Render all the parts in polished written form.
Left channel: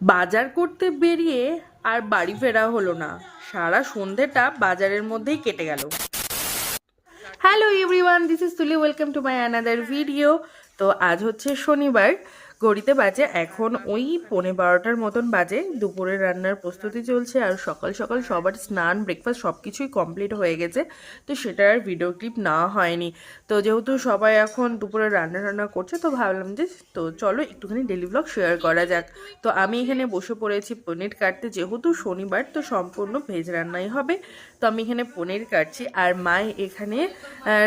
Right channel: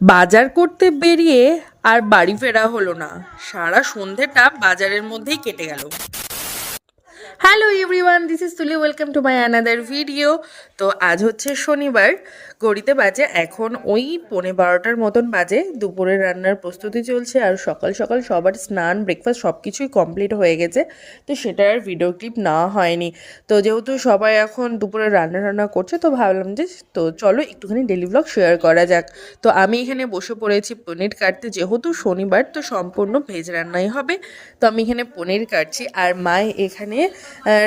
বাজার করতে বেরিয়ে আর বাড়ি ফেরা হলো না। সারা সন্ধেটা বাজারের মধ্যেই কেটে গেল। হ্যালো এভরিওয়ান, দিস ইজ তুলি, welcome to my another video. তো আজ হচ্ছে শনিবার, ঘড়িতে বাজে এখন ওই 11:15 মতন বাজে। দুপুরের রান্নার প্রস্তুতি চলছে আর সকাল সকাল সবার স্নান ব্রেকফাস্ট সব কিছুই কমপ্লিট হয়ে গেছে, তো সেটার আর ভিডিও ক্লিপ নেওয়া হয়নি। তো যেহেতু সবাই এখন দুপুরে রান্না করছে, তো ভাবলাম যে তো চলো একটুখানি ডেলি ব্লগ শেয়ার করা যাক। তো আমি এখানে বসে পড়েছি পনির কাটতে, যেহেতু শনিবার তো সম্পূর্ণ ভেজ রান্নাই হবে। তো আমি এখানে পনির কাটছি আর মা এখানে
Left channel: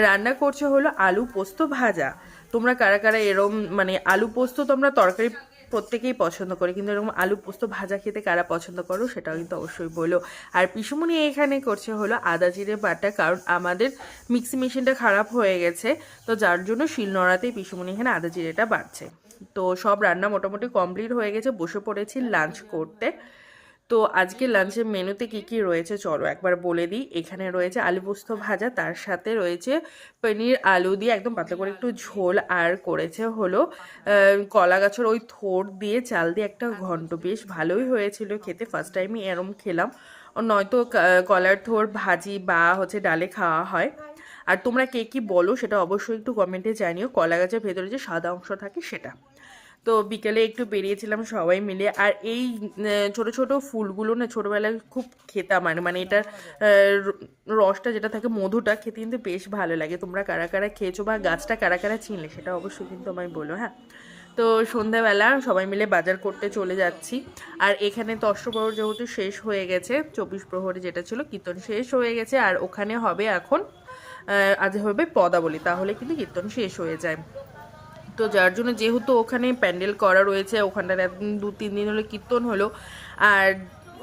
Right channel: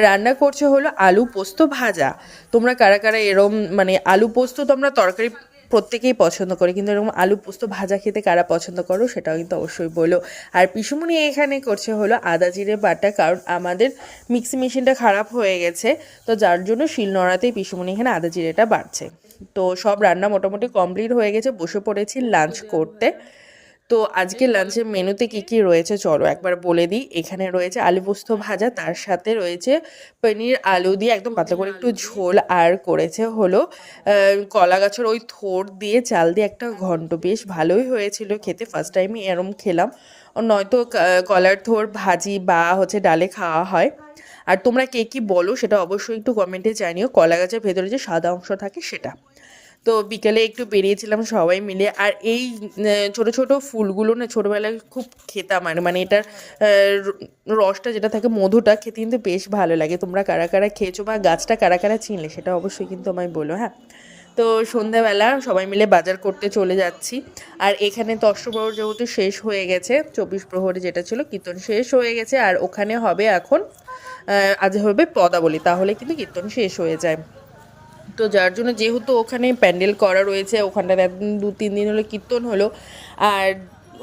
রান্না করছে হলো আলু পোস্ত ভাজা। তোমরা কারা কারা এরম মানে আলু পোস্ত তোমরা তরকারি প্রত্যেকেই পছন্দ করে, কিন্তু এরকম আলু পোস্ত ভাজা খেতে কারা পছন্দ করো সেটাও কিন্তু অবশ্যই বলো। আর পিসুমণি এখানে করছে হলো আদা জিরে বাটা, কারণ আমাদের মিক্সি মেশিনটা খারাপ হয়ে গেছে, তো যার জন্য শিলনোড়াতেই পিসুমণি এখানে আদা জিরেটা বাড়ছে। তো সব রান্না মোটামুটি কমপ্লিট হয়ে গেছে, বসে পড়েছি লাঞ্চ করতে। তো আজকে লাঞ্চের মেনুতে কি কি রয়েছে চলো একবার বলে দিই। এখানে রয়েছে আলু পোস্ত ভাজা, তার সাথে রয়েছে পনির আলু দিয়ে একদম পাতলা করে একটু ঝোল, আর করেছে হলো কলা গাছের ওই থোড় দিয়ে চাল দিয়ে একটা ঘন্ট, বেশ ভালোই হয়েছিল খেতে, ফার্স্ট টাইমই এরম খেলাম। নয়তো কলার থোড় ভাজি বা হচ্ছে ডালে খাওয়া হয়। আর তোমরা কে কী বলো সেটা অবশ্যই একটু কমেন্টে জানিও, কলা গাছের ভেতরে যে সাদা অংশ থাকে সেটা। তো বিকেলে একটু বেরিয়েছিলাম সবাই মিলে। আর এই ছোট ছোট ফুলগুলো না ছোটোবেলায় খুব খেতাম, আর মানে এটার রসটা যেটা থাকে, মধুটা খেতে কিন্তু বেশ ভালো লাগে। তোমরা কারা কারা খেয়েছো বা গাছটা কারা কারা চিনলে সেটা অবশ্যই কিন্তু আমায় বলো, হ্যাঁ। তো সন্ধ্যাবেলা সবাই মিলে বাজার করতে চলে যাচ্ছি। আর এখানে তো অষ্টপ্রহর যেহেতু শেষ হয়ে গেছে, 24 প্রহরী যেটা ছিল কীর্তন শেষ হয়ে গেছে, আর ওখানে হবে এখন আজ হবে পদাবলী, তাহলে কিন্তু কীর্তন শেষ হয়ে যায়। তো যার জন্য যেহেতু ওখানে প্যান্ডেল করা রয়েছে, ওখানটাতে 2-3 দিন হলো কীর্তন হলো, আর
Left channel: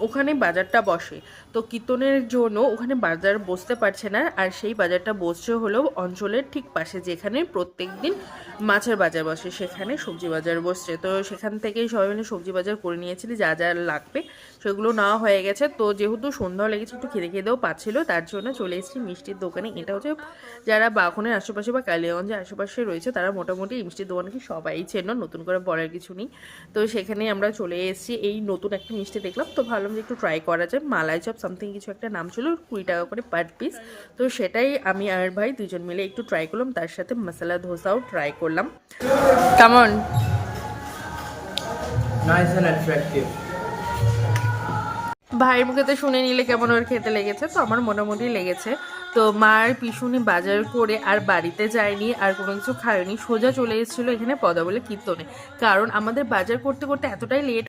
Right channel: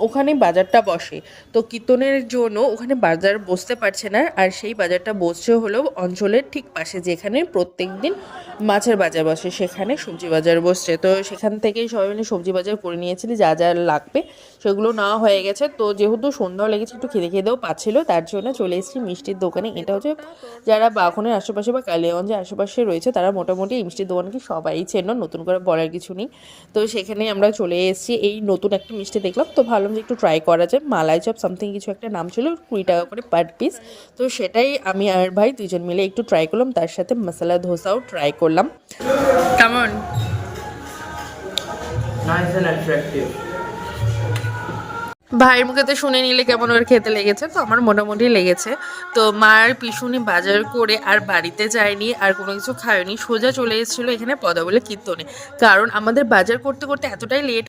ওখানে বাজারটা বসে। তো কীর্তনের জন্য ওখানে বাজার বসতে পারছে না, আর সেই বাজারটা বসছে হলো অঞ্চলের ঠিক পাশে, যেখানে প্রত্যেক দিন মাছের বাজার বসে, সেখানে সবজি বাজার বসছে। তো সেখান থেকেই সবাই মিলে সবজি বাজার করে নিয়েছিল, যা যা লাগবে সেগুলো নেওয়া হয়ে গেছে। তো যেহেতু সন্ধ্যাও লেগেছে, একটু খেতে খেতেও পাচ্ছিলো, তার জন্য চলে এসেছি মিষ্টির দোকানে। এটা হচ্ছে যারা বাঘনের আশেপাশে বা কালিয়াগঞ্জের আশেপাশে রয়েছে, তারা মোটামুটি এই মিষ্টির দোকানকে সবাই চেনো, নতুন করে বলার কিছু নেই। তো সেখানে আমরা চলে এসেছি, এই নতুন একটা মিষ্টি দেখলাম, তো ভাবলাম যে একটু ট্রাই করা যায়। মালাই চপ সামথিং কিছু একটা নাম ছিল, 20 টাকা করে পার পিস। তো সেটাই আমি আর ভাই দুজন মিলে একটু ট্রাই করলাম, তার সাথে মশলা ধোসাও ট্রাই করলাম। কেমন? Nice and attractive. ভাইয়ের মুখেতে শুনে নিলে কেমন ওর খেতে লেগেছে, তো আমার মোটামুটি লেগেছে। তো মার পিছনে বাজার করে আর বাড়িতে যায়নি, আর কোনো কিছু খায়নি, সোজা চলে এসেছিলো এখানে পদাবলী কীর্তনে। কারণ আমাদের বাজার করতে করতে এতটাই লেট